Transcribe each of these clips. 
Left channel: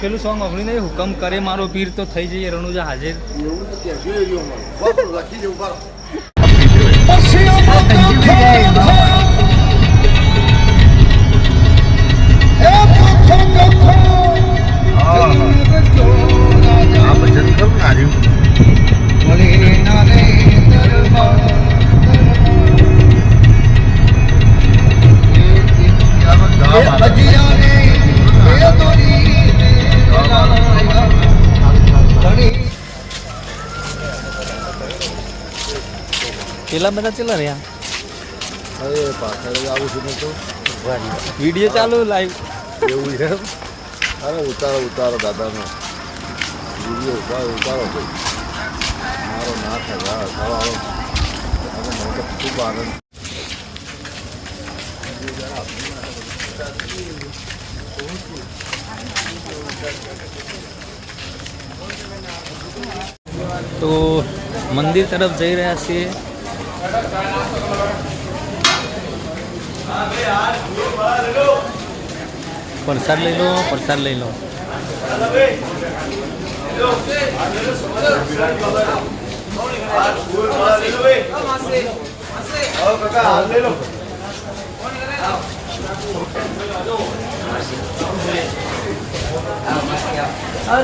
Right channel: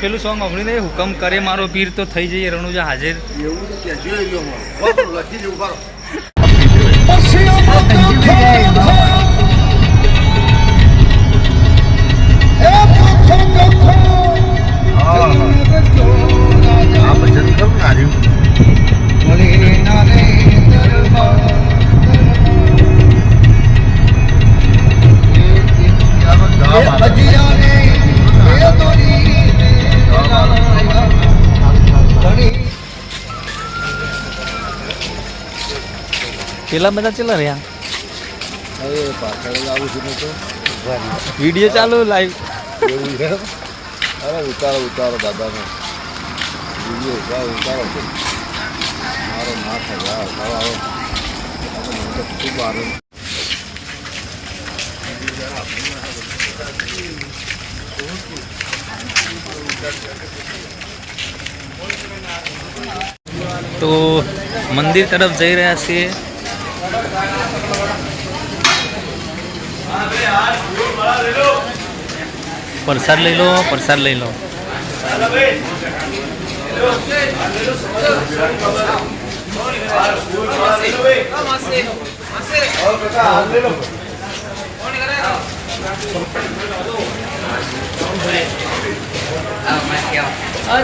પેલું સોંગ સાંભળ્યું નહીં હુકમ કરે મારો પીર તો થઈ જઈએ રણુજા હાજર આ પેલા બધા ચેલા રહ્યા? અરે પાછળ આવું છું તો. વીડિયો ચાલુ લાઈવ એવું છે? અરે ઉતારો ઉતારો દાદાનો. વીડિયો ઉતારો ઉતારો. મારો ના થાય યાર આવો. આપણે નહોતો ખૂબ આનંદ. તો મંદિર તરફ જઈ રહ્યા છીએ. પ્રસાદ લઈ લો પ્રસાદ લઈ લો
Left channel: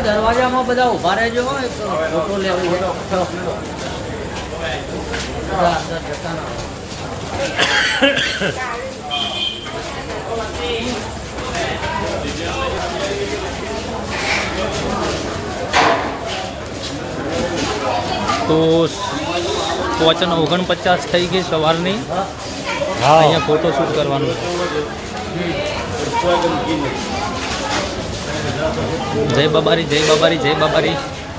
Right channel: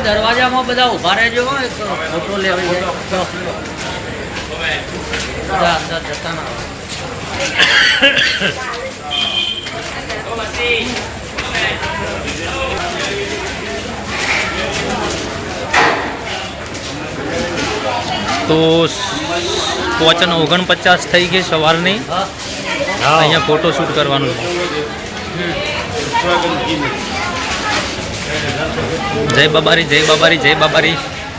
દરવાજામાં બધા ઊભા રહેજો એક ફોટો લેવો. બધા અંદર જતા ના તો પોચન ઓગણપચાસ થઈ ગઈ સવારની. અહીંયા ફોટો શૂટ કરવાનું. છે જય બાબારી જય બાબારી જય બાબારી.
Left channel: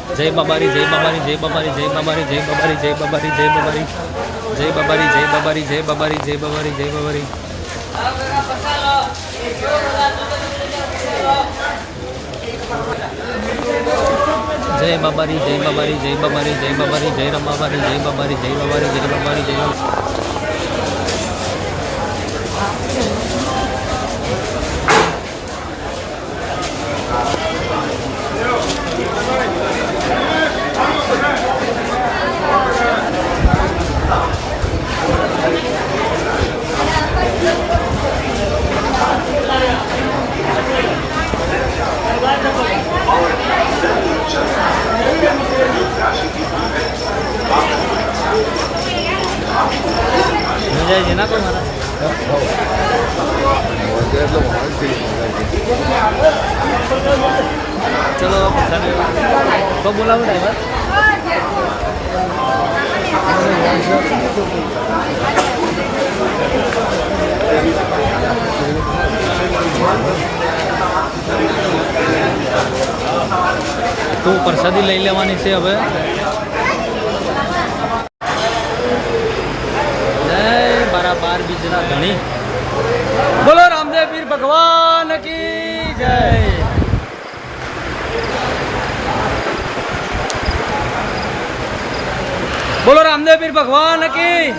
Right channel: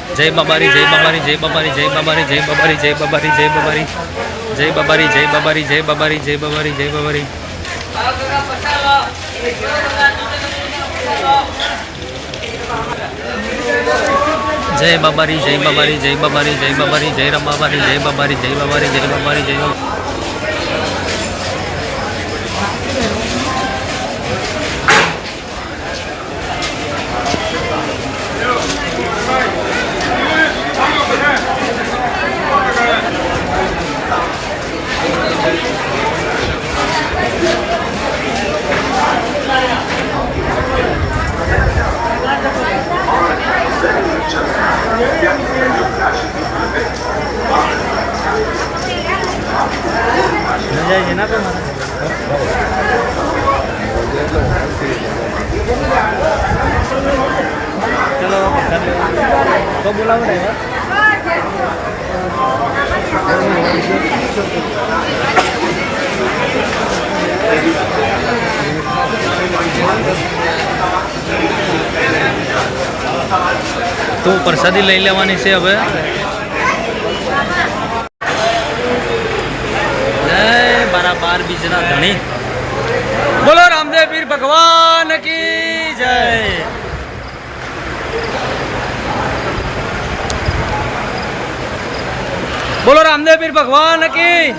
જય બાબારી જય બાબારી જય બાબારી જય બાબારી જય બાબારી જય બાબારી જય બાબારી જય બાબારી જય બાબારી જય બાબારી જય બાબારી જય બાબારી જય બાબારી જય બાબારી જય બાબારી જય બાબારી જય રમાબારી જય બાબારી જય બાબારી જય બાબારી જય બાબારી મજા છે ના તો મારા ચલો પથ્થર લેવા તો પ્રસાદી લઈ લેવાની છે હવે. જય બારા બાર બીજના ધણી. બોલો રામદેવ પીર ભગવાન કી જય. બોલો રામદેવ પીર ભગવાન કી.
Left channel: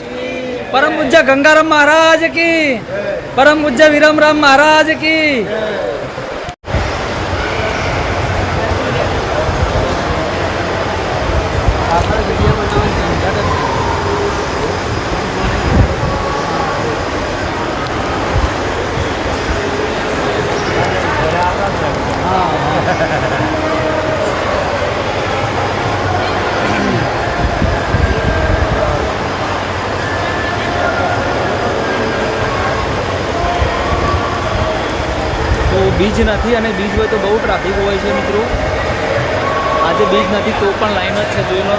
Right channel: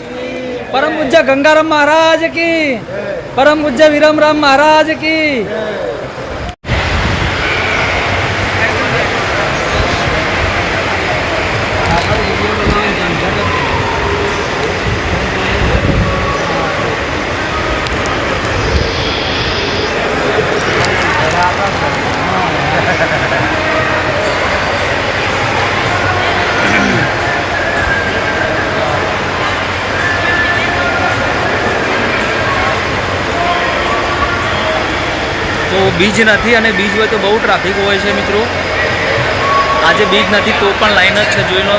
પરમ પૂજ્ય ગંગારામ મહારાજ કી. પરમ પૂજ્ય વિરમ રામ મહારાજ કી. બીજ નથી અને બીજ હોય તો બહુ ટ્રાફિક હોય છે મિત્રો આજે બીજ નથી તો પણ લાઈન જ છે, જોઈ લો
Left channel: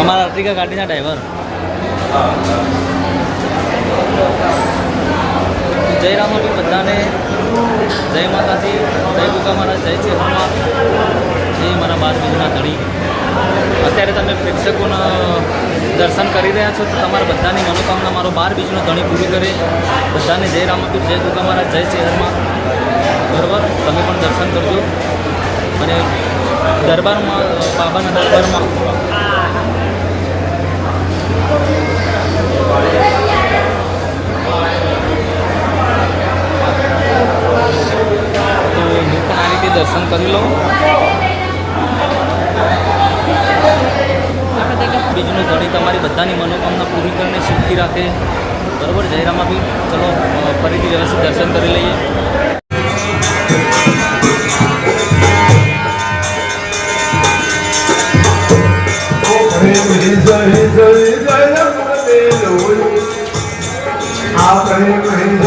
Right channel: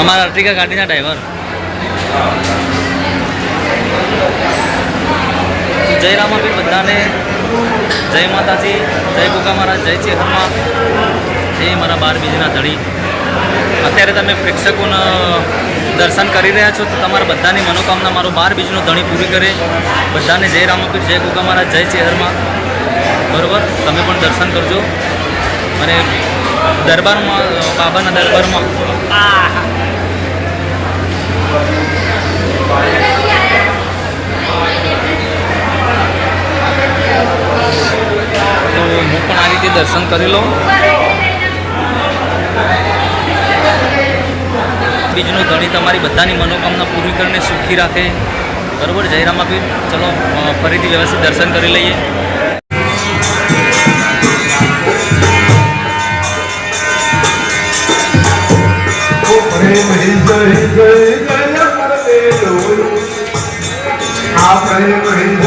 અમારા અર્ટિકા ગાડીના ડ્રાઈવર. જય રામાભી બધાને. જય માતાજી, જય ગોગા મહારાજ, જય ચેહરમાં જય મારા બાર બીજના ધણી. અત્યારે તમે પ્રેક્ષકોના દર્શન કરી રહ્યા છો તો તમારા બધાની મનોકામના મારો બાર બીજનો ધણી પૂરી કરે. બધાને જય રામાપીર, જય ગોગા મહારાજ, જય શહેરમાં બરાબર? તમે પણ દર્શન કરજો. અને દરબારમાં, બાબાના દરબારમાં. તો હું પણ આ રીતે દર્શન કરી લઉં. બીજનું ધણી તમારી બધાની મનોકામના પૂરી કરીને સુખી રાખે. બરોબર, જય રામાપીર. ચલો ફરીથી વ્યવસ્થિત દર્શન કરી લઈએ.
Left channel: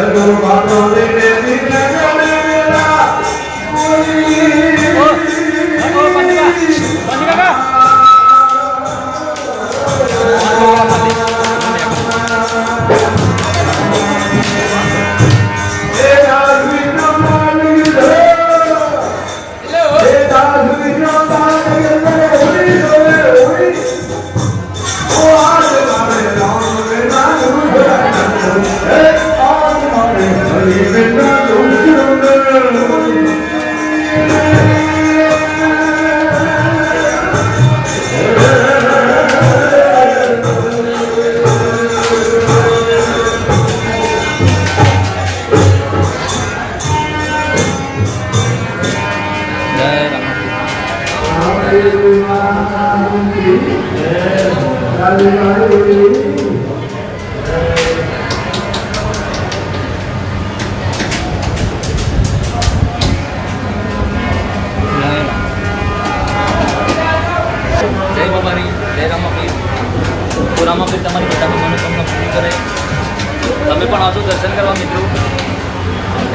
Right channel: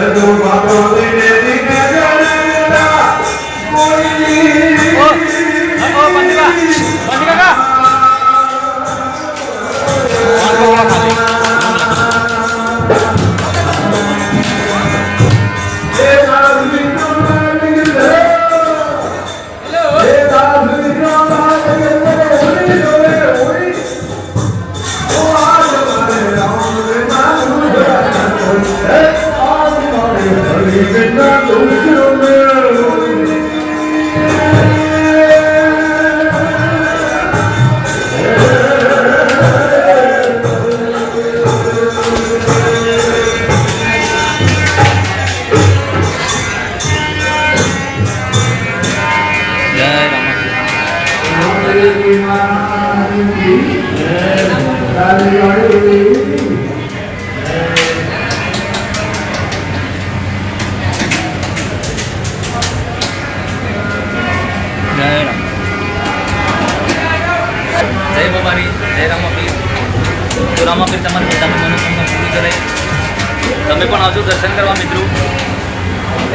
જય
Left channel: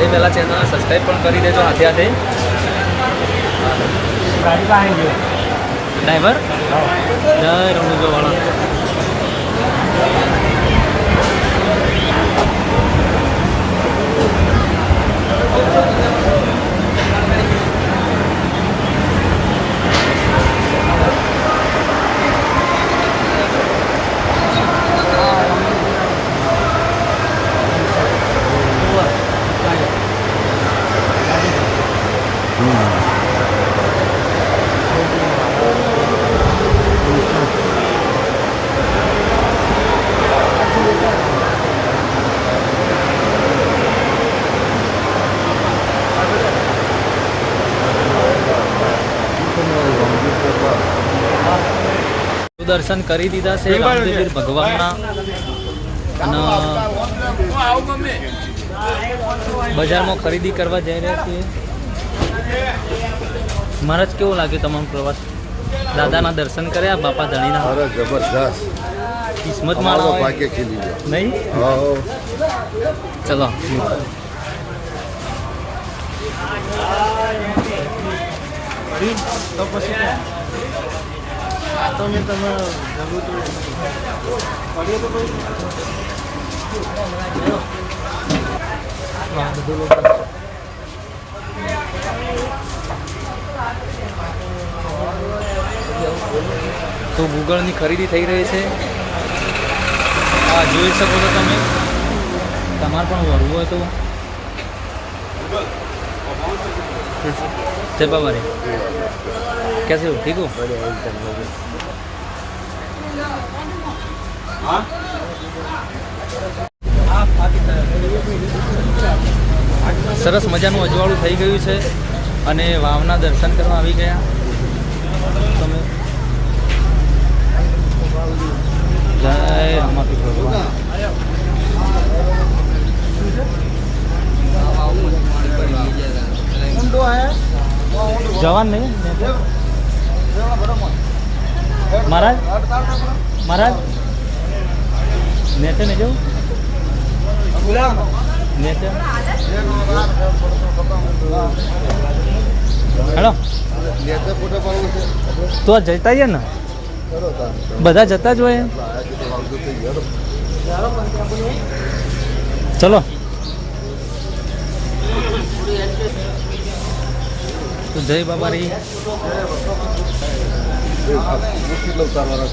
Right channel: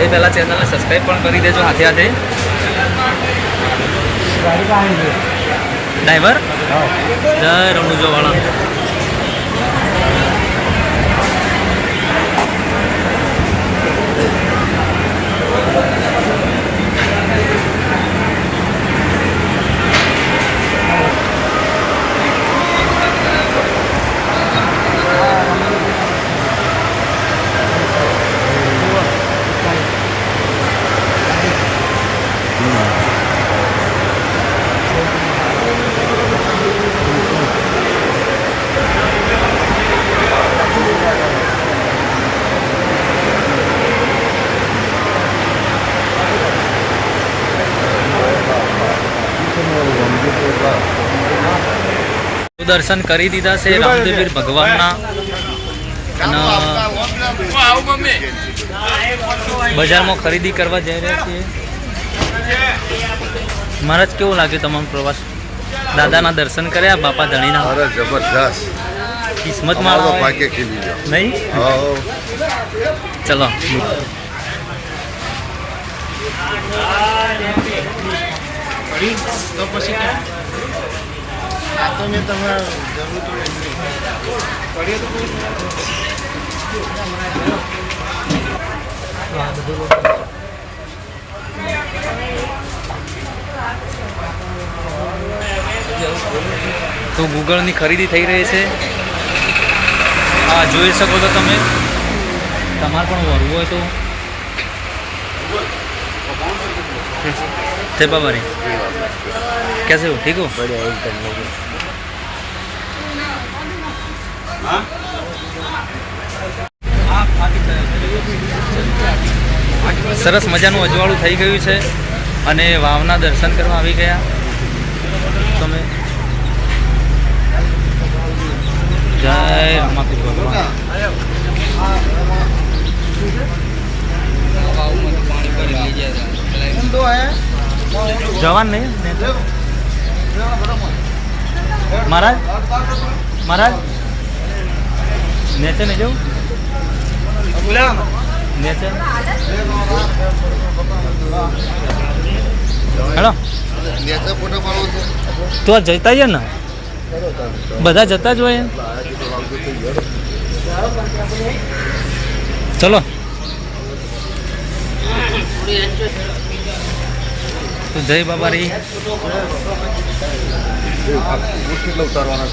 એ પહેલાં ચેનલને સબસ્ક્રાઈબ પણ કરી દેજો હાથે હાથે ડ્રાઈવર જય રણુજો વાળા. દર્શન કરી દીધા છે રામદેવીર ભગવાનના. અને બજારમાં ખરીદી કરવા જઈ રહ્યા છીએ. મહારાજ કેવું લાગ્યું તમામ પ્રવાસ? દાદાના દર્શન કર્યા બાપા ધણીના? અરે જબરદસ્ત કિસ્મત અમારો ભાગ્ય ખીલી ગયો. નહીં? ચલો. તો ગૂગલની ખરીદી થઈ રહી છે. હા, જોઈ શકો છો તમે. તમારે પણ વરવું હોય તો. जय बाबा रे कैसे हो ठीक हो સરસ મજાનું અજવાળું થઈ ગયું છે અને વાવના દર્શન કરવા આવી ગયા તમે જય રામાપીર ભગવાન જવાન નહીં? મહારાજ? મહારાજ? નેચે નહીં જવું? નેચે? હેલો. નેચે ફોટો પાડવો છે? તો આ જતા આવીએ ને? બધા જતા જ હોય ચલો. તો જય બાબા રી મુશ્કેલ ઉતારવાના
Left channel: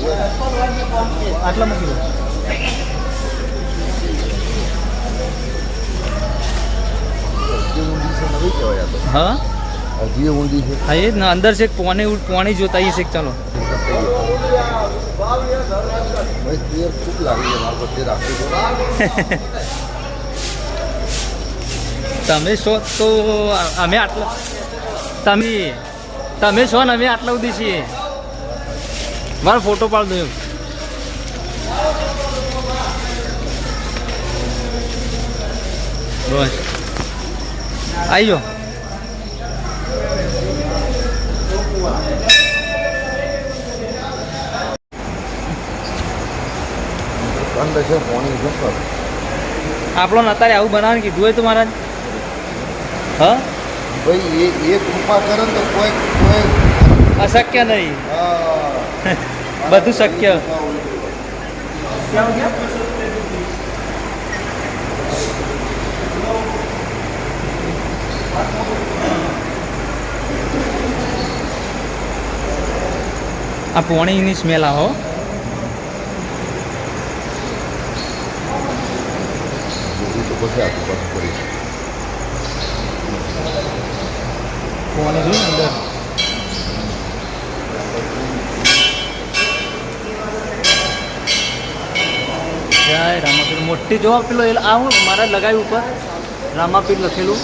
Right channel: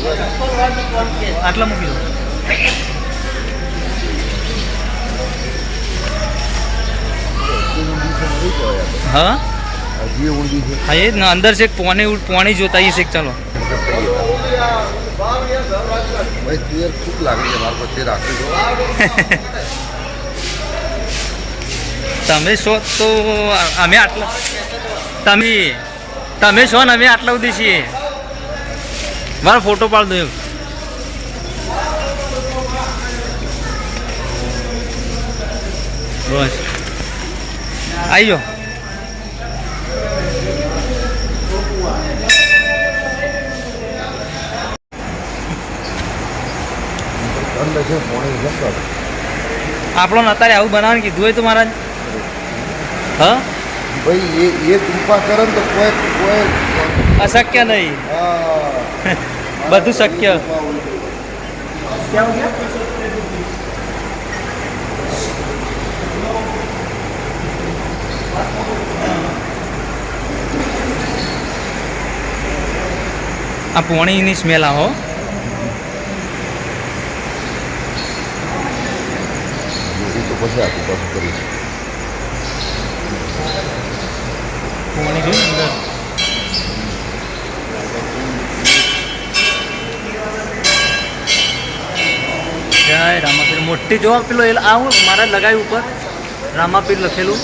આટલા મૂકી દો. હા? હા એ જ ને અંદર છે પોણી પોણી જોતા છે ચાલો. ભાઈ તેર ખૂબ લાગે છે મારા પર તે રાખી દો તમે છો તો અમે આટલા તમે તમે છો ને અમે આટલા સુધી છીએ. મારો ફોટો પાડ દો એમ. બસ. આવી જાઓ. આપણો અત્યારે આવું બનાવવાનું કીધું હોય તો મહારાજ. હા? ભાઈ એ એ કૃપા કરે ને તો કોઈ કોઈ અશક્ય નહીં. બધું શક્ય. આ પોણીની સ્મેલ આવો. પછી પાછું કરીશ પોણી જોઈ અંદર? જય રામાપીર. મોટી જોવા પેલો એ આ હું મારા લગાવ્યું ઉપર. રામાપીર લખેલું.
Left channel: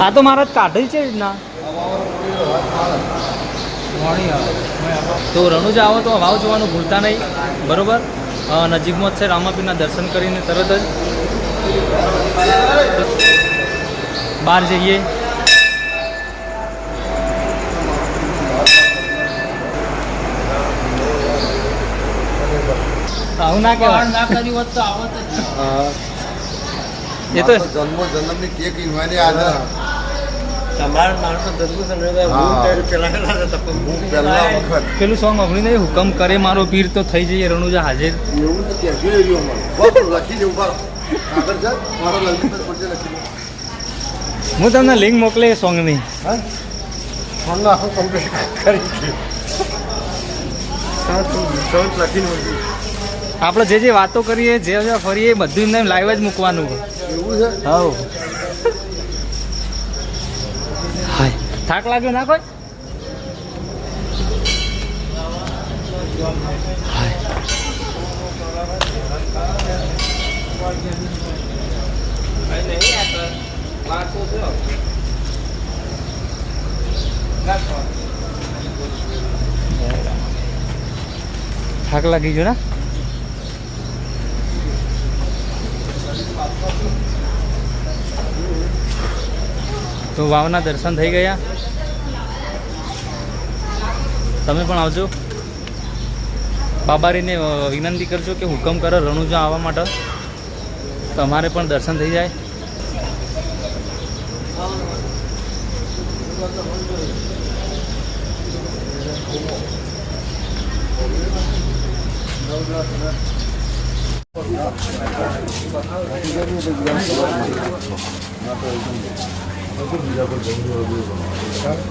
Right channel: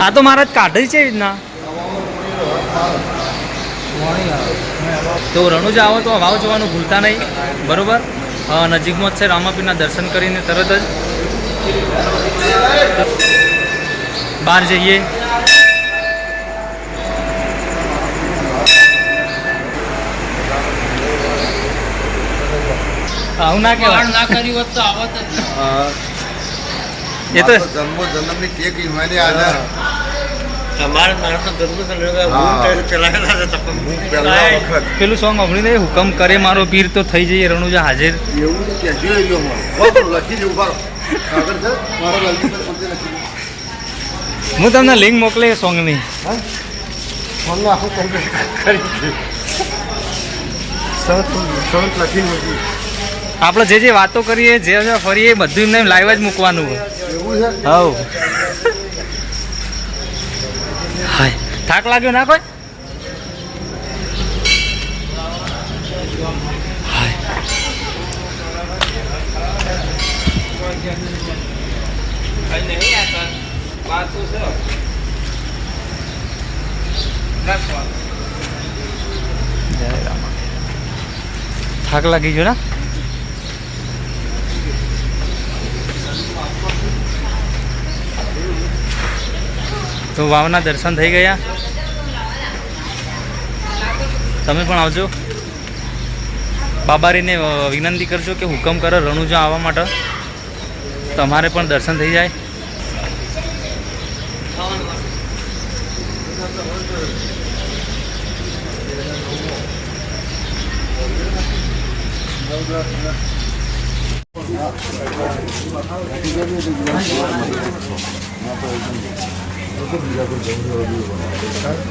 આ તો મારા જ કાઢી છે એ રીતના. આવે. તો રણુજા આવો તો વાવ જોવાનું ભૂલતા નહીં બરોબર? નજીકમાં જ છે રામાપીરના દર્શન કરીને તરત જ બહાર જઈએ. આવું ના કહેવાય. ના કર્યું હોત તો આવત એ તો જન્મ જન્મની ટેક હિમાલય આને તમારે માણસો જન્મ થયેલો હા. હું ત્યારે ચલાવેલા હતા તમે હું પહેલા વખત. પેલું સોંગ સાંભળી નહીં હુકમ કરે મારો પીર તો થઈ જઈએ રણુજા હાજર. એવું કહેજો લખી દઉં હું તમને લિંક મોકલે સોંગની હા? કમ્પ્લીટ કરી લખી મૂકી આપણે જે જે વાતો કરીએ જે ફરીએ એ બધું એમને લાઈવ જ મૂકવાનું. એવું છે? હવ હાય થાક લાગ્યો ના કોઈ હાય જય રામ થાક લાગી ગયો ના તો વાવના દર્શન થઈ ગયા. તમે પણ આવજો. બાબારીને વિનંતી કરજો કે હુકમ કરો રણુજા આવવા માટે. તમારે પણ દર્શન થઈ જાય.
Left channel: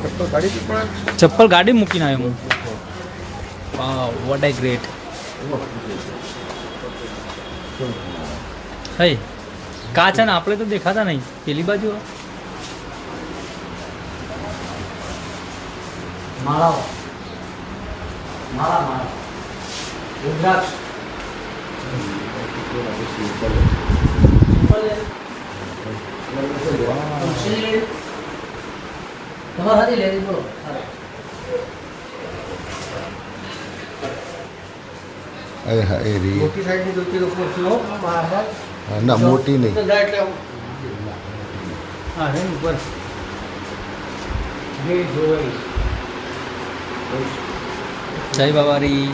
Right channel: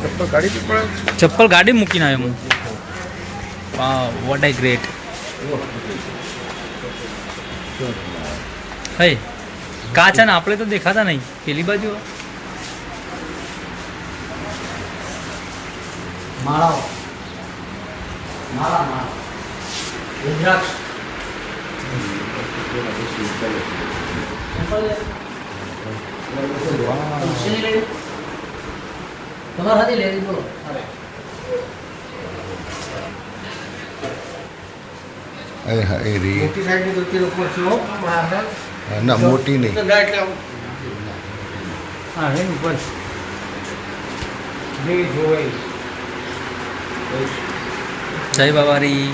ચપ્પલ કાઢી પડે ચપ્પલ ગાડી મૂકીને આવ્યો હું વાવ વોટ આઈ ગ્રેટ હે કાચ છે ને આપણે તો દેખાતા નહીં પેલી બાજુ માળાઓ માળા માળા રુદ્રાક્ષ ચંપલ લે. તુલસીની લેવી? તમારે હતી લેવી બોલો એ હા એ રી ના મોટી નહીં. જય બાબારી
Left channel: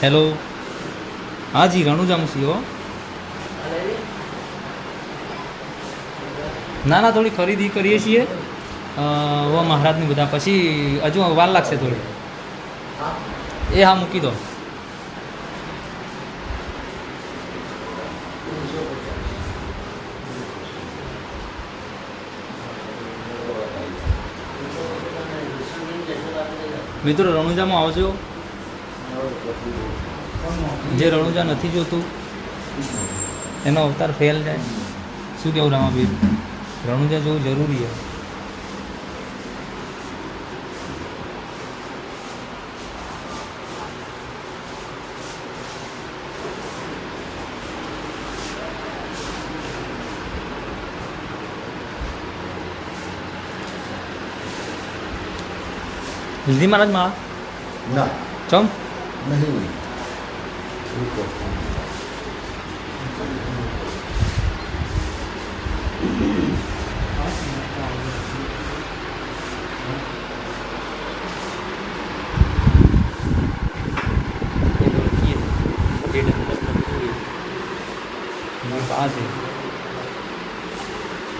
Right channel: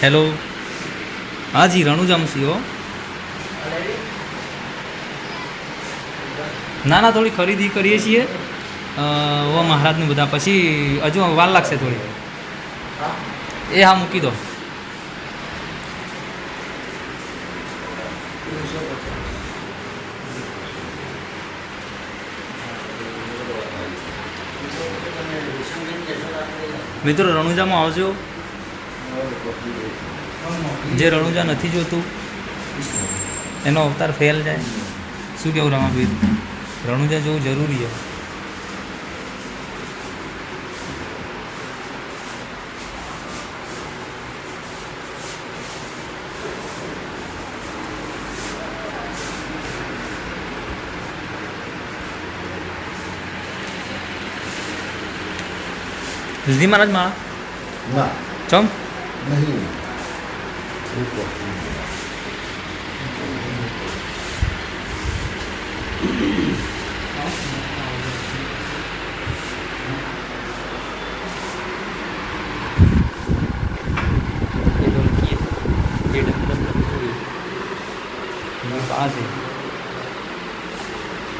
હેલો હા જી રણુજામ સી હો. ના ના થોડી ખરીદી કરીએ છીએ. ઓ મહારાજનું બધા. પછી હજુ વાર લાગશે થોડી. એ હા, મૂકી દો. મિત્રો, રણુજામાં આવજો. જે રણુજા નથી જોતું, એનો અવતાર ફેલ જાય. શું કેવું રામાબીર રણુજા જવું જરૂરી છે. જલ્દી મહારાજમાં? ના. ચમ? નહીં.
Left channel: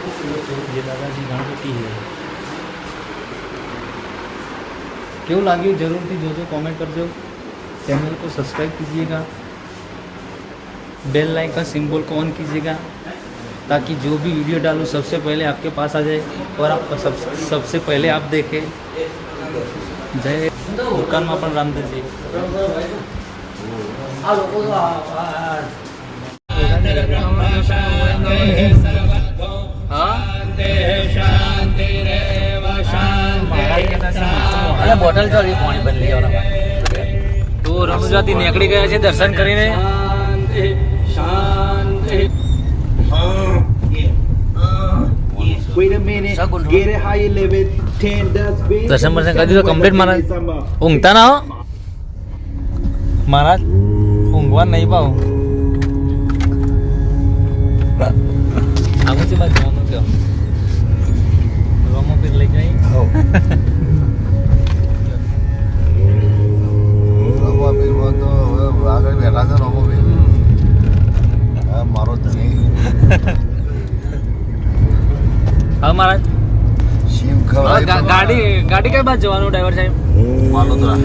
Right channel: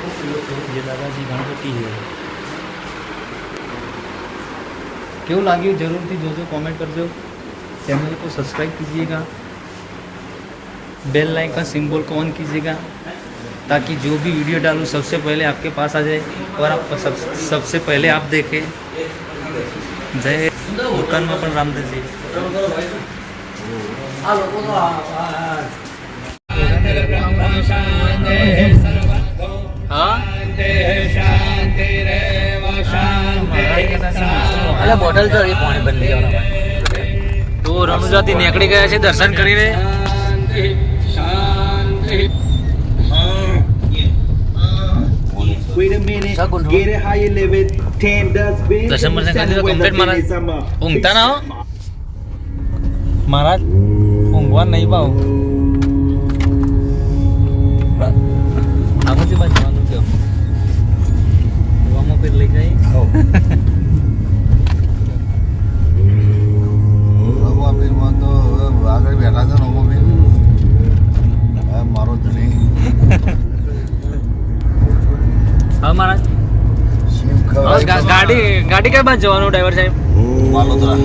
ये गणपति है क्यों लागे? ज़रूर थी जो जो कमेंट कर दो। चैनल को सब्सक्राइब कीजिएगा। बेल लाइक का सिंबल को ऑन कीजिएगा। ताकि जो भी वीडियो डालूँ, सबसे पहले आपके पास आ जाए और आप सब, सबसे पहले आप देखें। जय दुकान में अपन रामदेव जी। બોટલ તો એ પાણી બંધ તો રણુજાથી નીકળી ગયા છે દર્શન કરીને. દર્શન બર્શન કરી દીધું કમ્પ્લીટ મારા ઊંઘતા ના મહારાજ ઊંઘવા નહીં પાવ. લઈ હવે. આગળ બેઠા છે હા મારો ધણી. હા મહારાજ. ગાડી ગાડી કઈ બાજુ જવાનું ડ્રાઈવર સાહેબ? વાલોદરા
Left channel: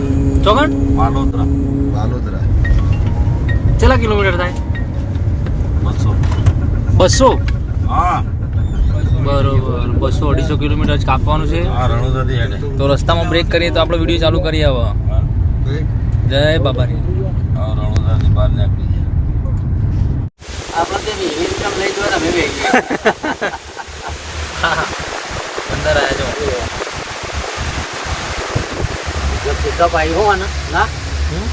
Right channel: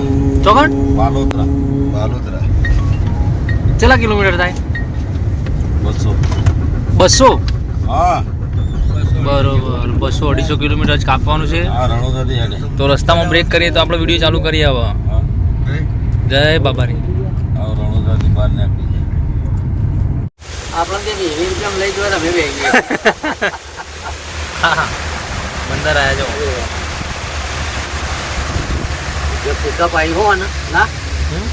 ચોકણ વાલોદરા વાલોદરા કેટલા કિલોમીટર થાય? બસો. બસો? હા. બરોબર. બસો અઢીસો કિલોમીટર જ કાપવાનું છે. તો રસ્તામાં બ્રેક કરીએ તો આપણે વીડિયો ચાલુ કરીએ હવે. જય બાબાની. અંદર આવ્યા ને ના? હમ?